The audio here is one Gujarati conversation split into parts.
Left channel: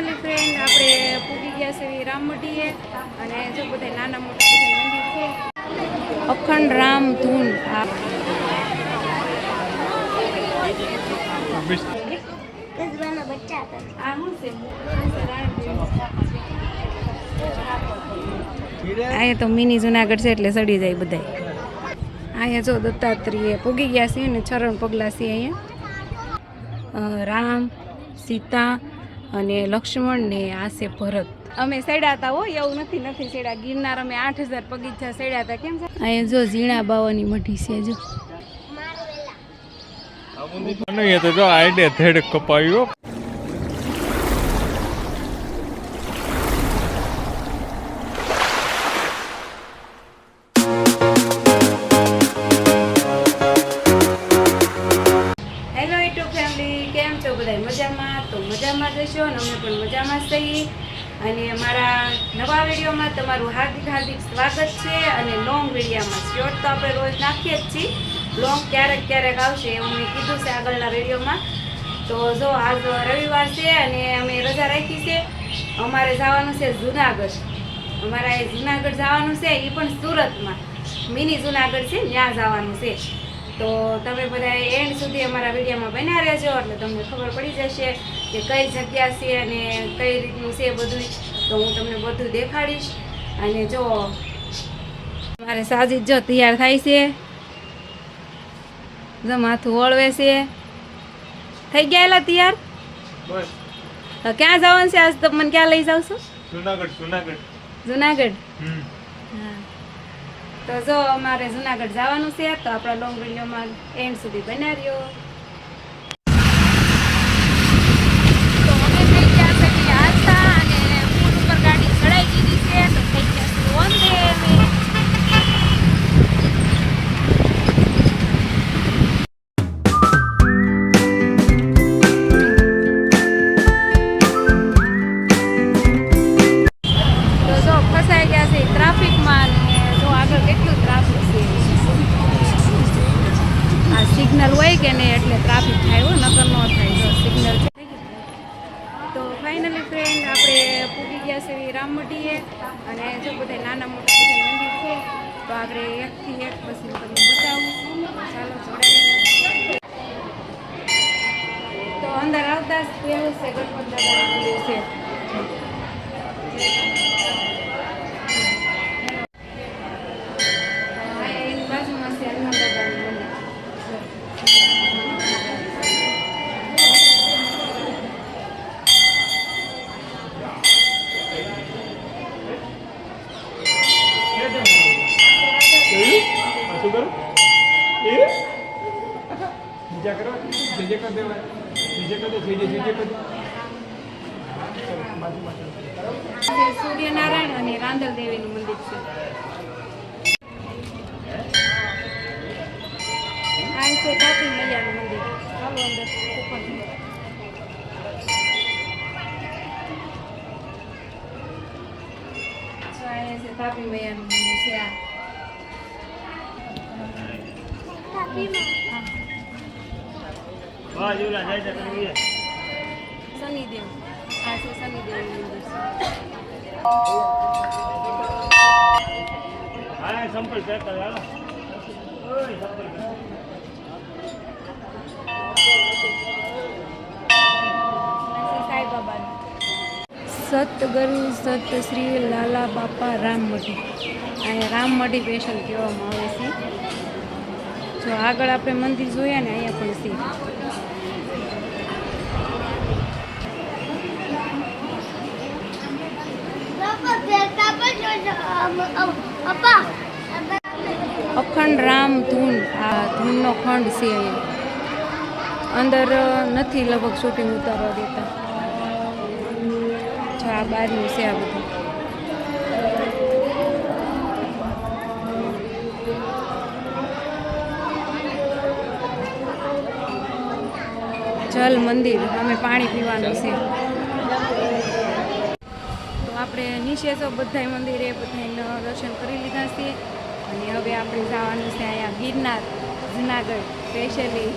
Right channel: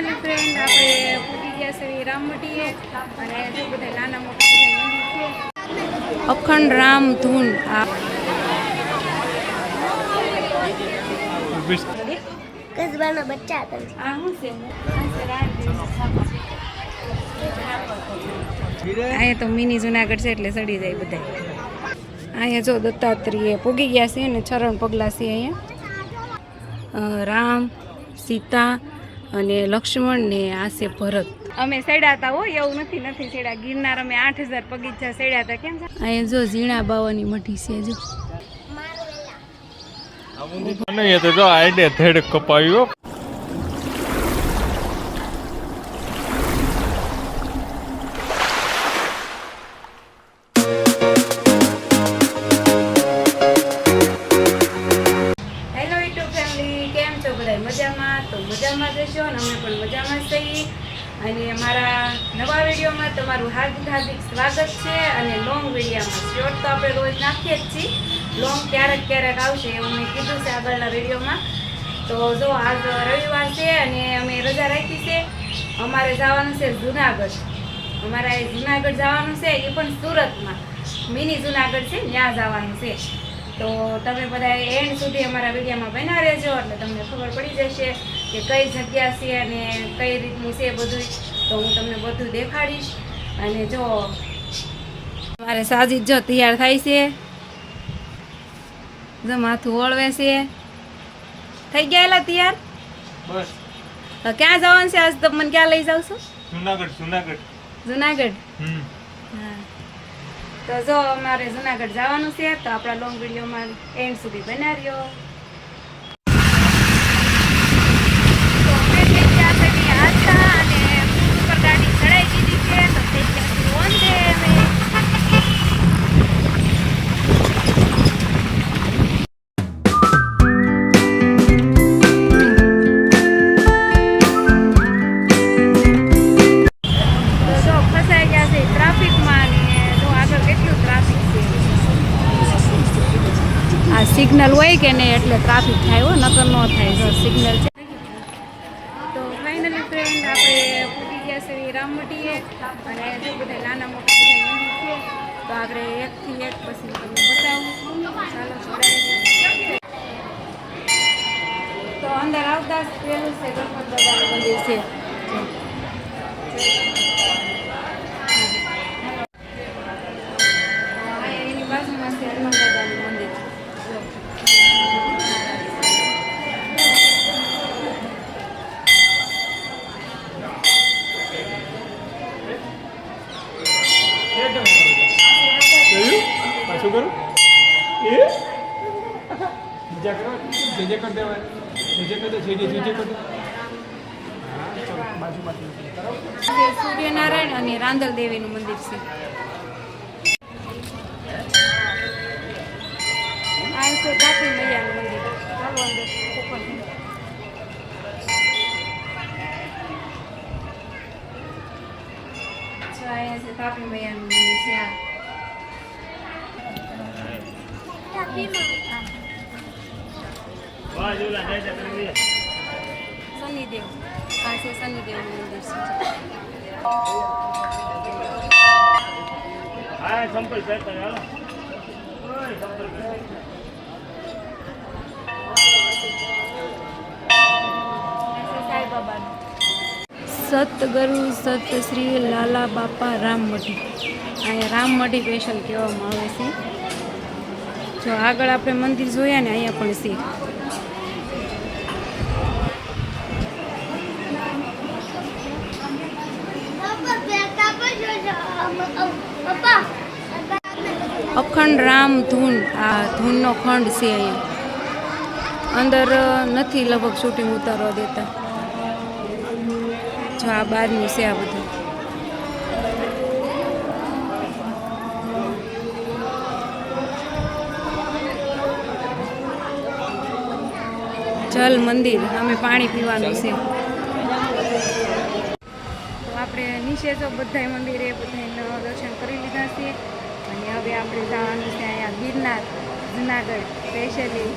ફાઇનલી ફ્રેન્ડ આપણે પૂગી ગયા છે રામમટીએ અને જો બધા નાના મોટા બધા મંદિર છે. અખંડ રામ ધૂન. આ બચ્ચા આ શું છે? અહીંયા તો મિની જુનાગઢ છે એટલે સડી જાય બધા અહીંયા જો દત્તાત્રેય પૂગી ગયા છે ને ચરણ પગલા છે અહીંયા. રામ સીતા અને લક્ષ્મણ ને આ છે ભરત. અમે સેડા હતા હો એવું નથી નથી સેડા. ગિરનાર અમે આઠ હજાર પગીચા સેડા હતા કેમ છે? અહીંયા જો ઝીણા બાવાની મઢી છે જો. નહીં તો જો આઈડે થેડ કપાયો તમારું હાર્દિક હાર્દિક સ્વાગત છે અને લોંગ વિડીયામાં શોર્ટ તો આપણે રોજ નાખીએ જ છીએ. લોંગ ક્યારેક ક્યારેક આવશે એવું મેં કીધું છે આગળના વિડીયોમાં. તો જો આજ રવિવાર છે અને અમે રજા રાખી છે, અમારે જવાનું છે જુનાગઢ. અમારે એ જુનાગઢ જવાનું છે, એ પણ સુરતમાં. મિની જુનાગઢ છે, ત્યાં જવાનું છે. તો તમે બધા એન્ડ સુધી અમારા વિડીયોમાં બન્યા રહેજો, એટલે તમને ખબર પડી જશે કે કઈ જગ્યા છે અને કઈ રીતનું છે બધું તો હું તમને બધું દેખાડીશ. અને જો મારે સાજી જો તૈયાર થાય છે. જો માથું ઓળવે છે. થઈ ગયા તૈયાર? બસ. ક્યાં જવાનું છે આજ? તો મને ક્યાં લઈ જાવ છો? જુનાગઢ જુનાગઢ. જુનાગઢ? તો જો અમારે જુનાગઢ જવાનું છે તો આપણા લોંગ વિડીયોમાં એન્ડ સુધી બના રહ્યો તો અમે થઈ ગયા છે કે આસ્તા અને પુલ ઉપર ગાડી ચડાઈ દીધી છે તો થઈ ગયા છે ઓન ડે અમે તો જો ફસાઈ ગયા છે ટ્રાફિકમાં ને જો આગળ કેટલું ટ્રાફિક છે આ સિગ્નલ હોય કે નહીં એટલે ટ્રાફિક થાય હો નકર ન થાય જો સિગ્નલ છે. તો ફાઇનલી ફ્રેન્ડ આપણે પૂગી ગયા છે રામમટીએ અને જો બધા નાના મોટા બધા મંદિર છે, તો આપણે એકથી એક પછી તમને બતાવું. ચાલો, જોડાઈ તો અંદર આવતા જ પહેલું છે ગણપત દાદાનું મંદિર છે. રાંદલ દેવીનું મંદિર છે. આ છે તાપી મૈયાનું મંદિર. ચાલો અંદર અહીંયા છે તાપી મૈયાનું મંદિર છે આ. શનિદેવ. આ છે. શનિદેવનું મંદિર છે હા સંપર્ક કરતા ચાલો સતગુરુ સત શ્રી લાલા બાપા રામમઢી અહીંયા રામમઢી સ્પેશિયલ કહેવામાં આવે છે. જો આગળ આપણે મંદિર જોયા ને અહીંયા પણ છે. અખંડ રામ ધૂન, આ ધૂનનો ખંડ છે અહીંયા અંદર નથી લગભગ શૂટિંગ ઉતારવા દેતા. જો આ બહારનું છે આ બધું. જલ મંદિર, અમે પાણી પીવાનું છે. આપણે નીચે તો બધાય મંદિરે બધાને દર્શન કરી લીધા છે. અને હવે આપણે જવાનું છે અહીંયા ગિરનાર, જુનાગઢ, સ્પેશિયલી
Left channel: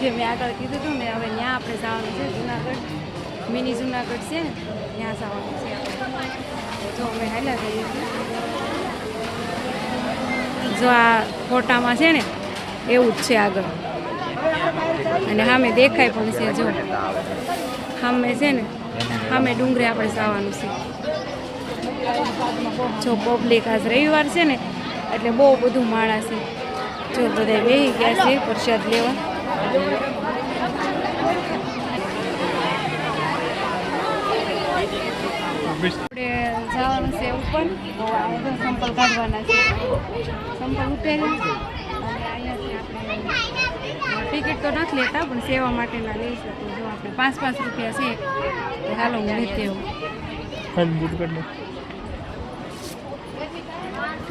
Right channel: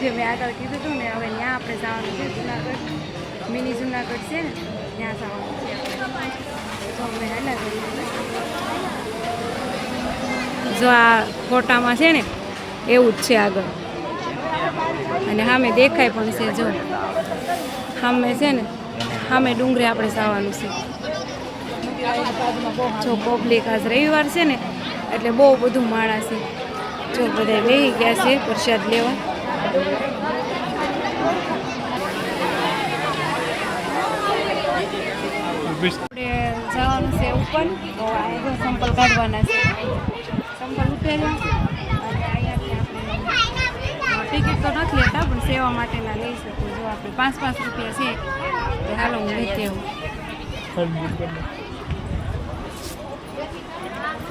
જે મેં આગળ કીધું હતું ને, હવે ત્યાં આપણે જવાનું છે જુનાગઢ. મિની જુનાગઢ છે ને, ત્યાં જવાનું છે. તો અમે હાલા જઈએ જો આ ફોટામાં છે ને, એવું જ છે આગળ. અને સામે દેખાય પણ છે, જો. સામે છે ને, સામે ડુંગરે આપણે જવાનું છે. જો પબ્લિક આજ રવિવાર છે ને, એટલે બહુ બધું માણસ છે. જો બધા બેહી ગયા છે પ્રસાદ લેવા. આપણે જવાનું છે ઉપર. તો આ સંપલ કાઢવાના છે. સંપલ ઉતર્યા. અને અહીંયાથી આપણે ટિકિટ તો નથી લેતા, પણ સેવા માટેના લઈશું તો જો આપણે પાંચ પાંચ રૂપિયા છે, તો હું લેતી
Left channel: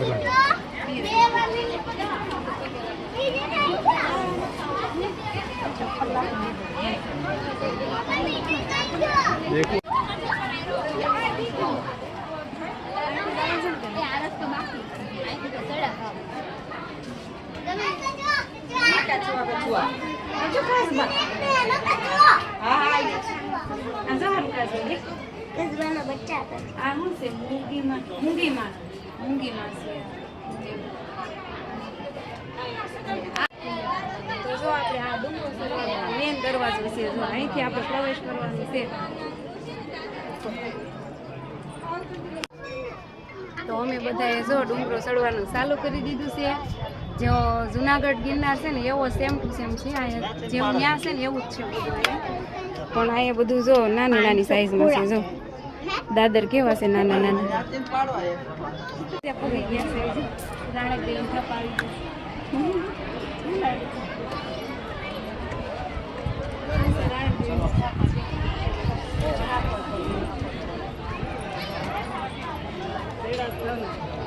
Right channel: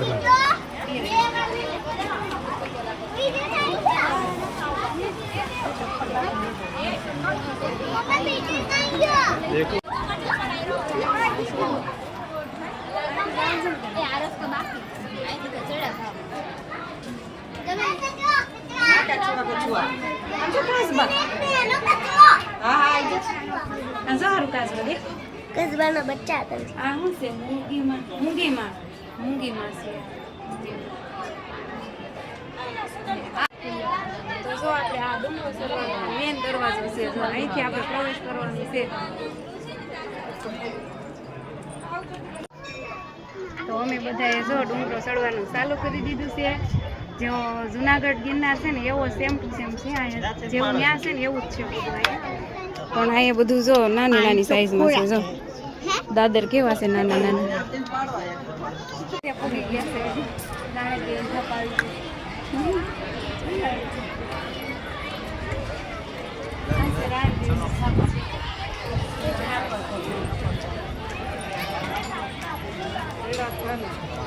cái này Hãy subscribe cho છે? તો જો આપણે આ ડુંગરો સરવાનો મેન દરવાજો છે, જો અહીંથી આપણે પ્રવેશ કરવાનો છે. તો અમે બધાએ જો ડુંગરો ચડવાનું ચાલુ કરી દીધું છે. જો જુનાગઢ ગિરનાર છે ને, એવો સેમ ટુ સેમ છે. જેવું ત્યાં છે ને, એવું જ છે બધું પણ અહીંયા બધું જો નાની નાની સાઈઝમાં છે, જો. દાદર કેવા છે નાના નાના? ત્યાં પૂગી ગયા છે જાણે કે ધપાવી છે. આ છે રાયદેવીનો સ્થાપક છે.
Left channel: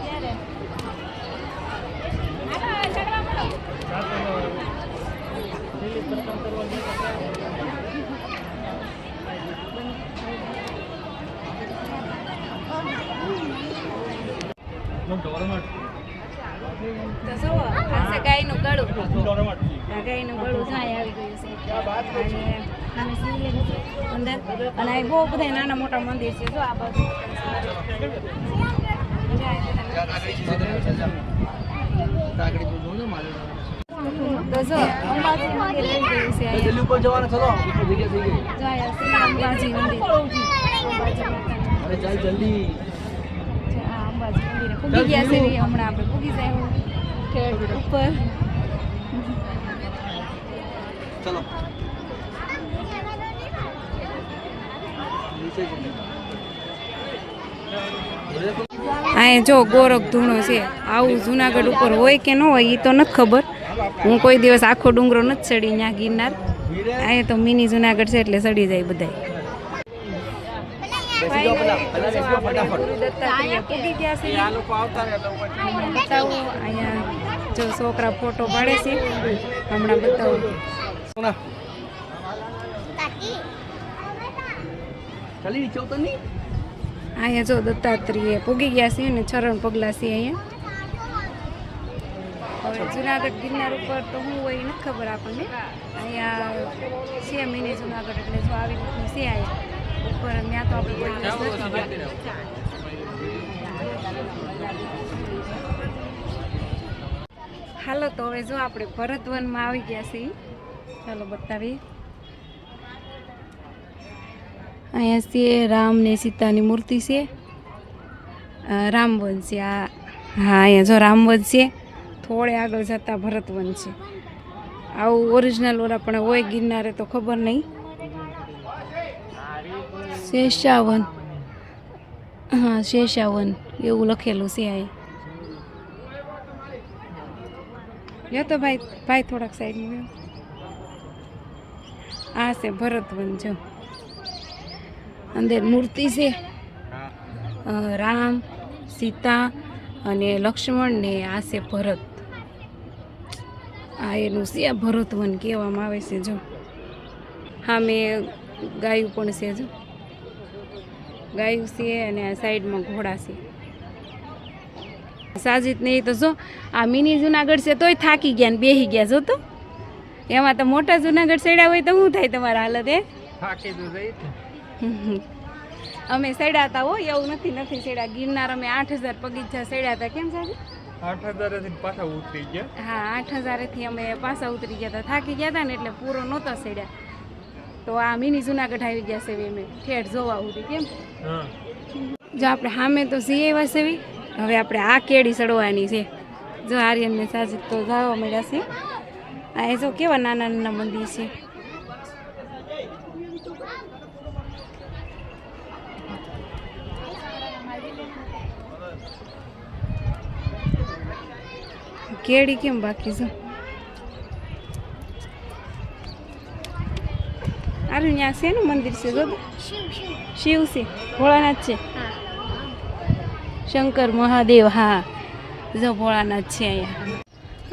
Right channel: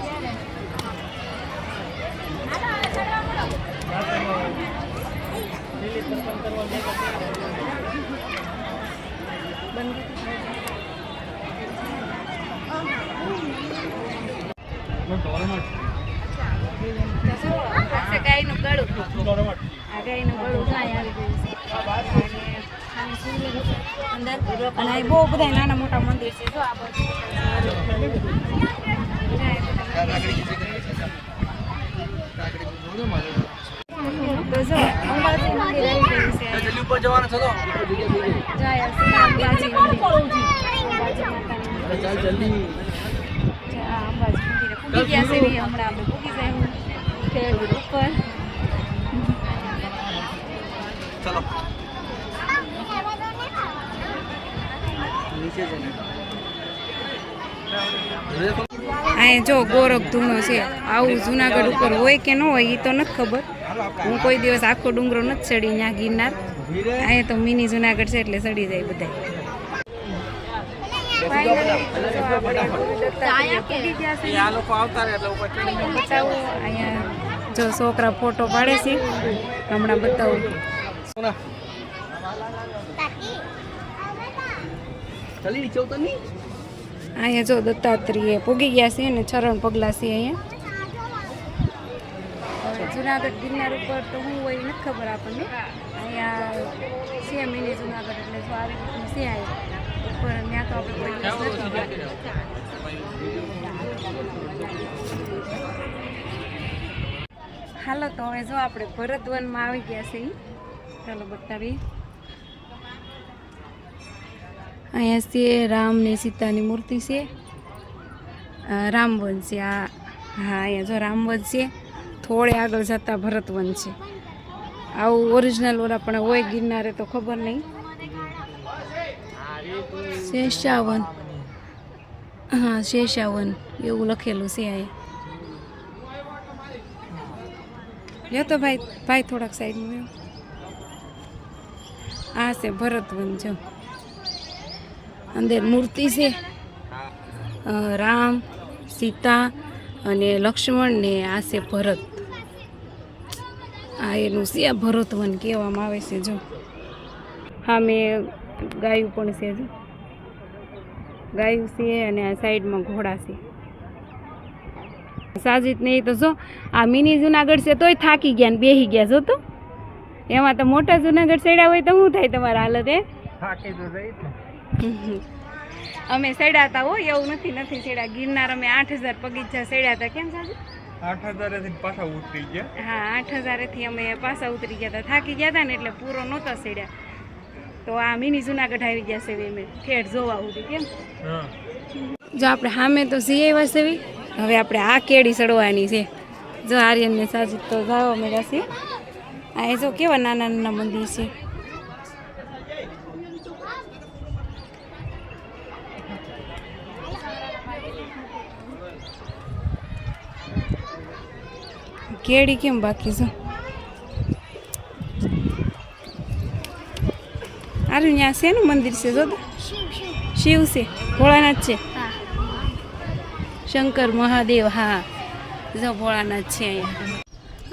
ક્યારે? મગ ડોરમાટ. તો જો આ છે ગાયનું ગળું. આ ગાયનું ગળું જાય આવી ગયું છે. અને બહુ બધા નાના મોટા મંદિર છે. જો આ ગયું છે જલ્દી. અંબાજી મંદિર પૂગી ગયા છે હમણાં આપણે પૂગી જાય ઉપર. ચલો. અહીં જો ગોરખ ધૂણો છે. આવું જુનાગઢ ઉપર હોય કે ન હોય એ તો નથી ખબર. હું કોઈ દિવસ આખો ડુંગરો નથી ચડી ત્યાં ગિરનાર. અહીંયા તો મિની જુનાગઢ છે એટલે ચડી જાય બધા જો છોકરા ફોટો પાડે છે. હમણાં બતાવું. અહીંયા જો દત્તાત્રેય પૂગી ગયા છે ને ચરણ પગલા છે અહીંયા. હવે જુનાગઢ ગિરનાર ઉપર તો હું હોય નથી ખબર આપણને. અહીંયા છે મિની જુનાગઢ, એટલે જો આવી રીતનું છે અહીંયા. ઉપર ત્યાં તો આપણે કોઈ દિવસ નથી હાલો, તો હવે જો આપણે ભરતવનમાં આવી ગયા છે ઈ. ચાલો બતાવી અહીંયા છે રામ ને સીતાની મૂર્તિ છે. રામવન છે આ. હા, અહીંયા જો રામવન છે. થોડે આગળ જતાં ભરતવન છે. આવું ઓરિજિનલ ઓલા પણ હોય ગિરનારે તો ખબર નહીં. શેષાવન. હા, શેષાવન. એવું લખેલું છે આ લ્યો તો ભાઈ ભાઈ થોડાક સાઈડમાં આ છે ભરતવન, જો. અંદર મૂર્તિ છે. રામ, સીતા અને લક્ષ્મણ ને આ છે ભરત. આ એનું છે ભરતવન કહેવામાં આવે છે, જો. હા, મેં ગાયું પણ છે, જો. ગાયું છે અને આ સાઈડમાં ઘોડા છે. સાજીત ને તો જો આ મિની જુનાગઢ છે તોય થાકી ગયા ને બેહી ગયા જો તો. એમાં તો મોટા જુનાગઢ સેડ્યા હોય તો શું થાય તમારા હાલત એ અમે સેડા હતા હો એવું નથી નથી સેડ્યા ગિરનાર અમે આઠ હજાર પગીચા સેડ્યા હતા કેમ સાજી આઠ હજારેથી પાછા ઉતરી ગયા. હા આઠ હજારેથી અમે પાછા ઉતરી ગયા હતા થાકી ગયા હતા ને એટલે પૂરો નહોતા સેડ્યા તો આ મિની જુનાગઢ આવી ગયા છે મેં ઠેઠ જોવા સુધી કેમ? જો આપણે સામે તો સી આવ્યા છે હવે આપણે આ કેડી ચડવાની છે. જો આર્યનને સાજીદ તો જવા મળ્યા છે. આ એ જો કેવા નાના નાના મંદિર છે. કેડી કેમ બાકી છે? અરે ત્યાં શેનું મંદિર છે જો શિવ છે, ભોળાનાથ છે. શંકર મહાદેવ, હા. જો ભોળાનાથ છે અહીંયા.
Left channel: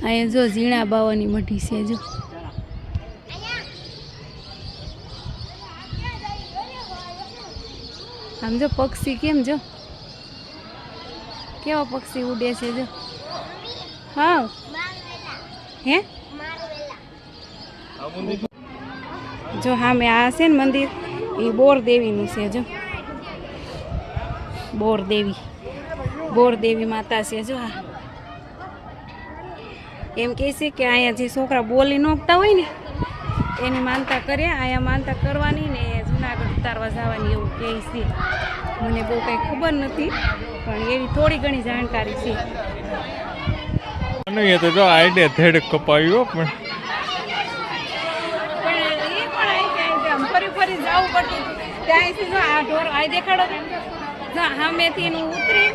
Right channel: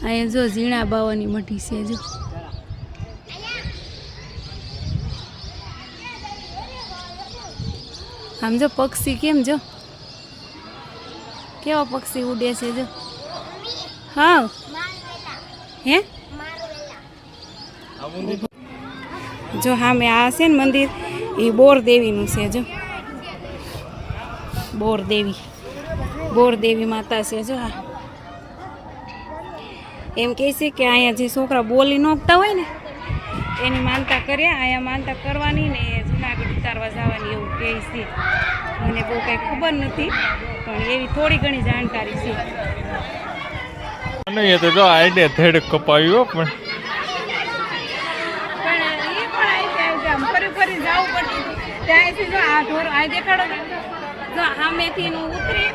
અહીંયા જો ઝીણા બાવાની મઢી છે, જો. આમ જો પક્ષી કેમ, જો? કેવા પક્ષી ઉડે છે, જો? હા હે? જો હા મેં આ છે ને મંદિર, એ બોર દેવીનું છે જો. બોર દેવી. બોર દેવી માતા છે જો આ. એમ કહે છે કે અહીંયા જે છોકરા બોલી નોખતા હોય ને, એની માનતા કર્યા અહીંયા માનતા કરવાની ને જુનાગઢ ઉતારવા જવાની એવું કહે છે. મને બહુ કંઈ ખબર નથી, પણ એવી થોડી ઘણી જાણકારી છે. નહીં તો જો આઈડિયા થેડ કપાયું પણ એ પણ અહીંથી અહીંથી આમ ફરી ફરી જવું હતું ત્યાંથી જો આ ઢોર, આ દેખાડો. જો સામેથી એનું ઉતરી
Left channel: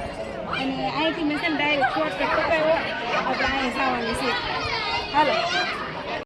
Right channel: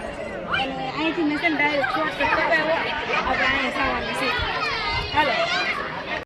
અને અહીંથી મેં છે ડાયરેક્ટ શોર્ટકટ કપાયો. આપણે અહીં જવાનું છે હાલો.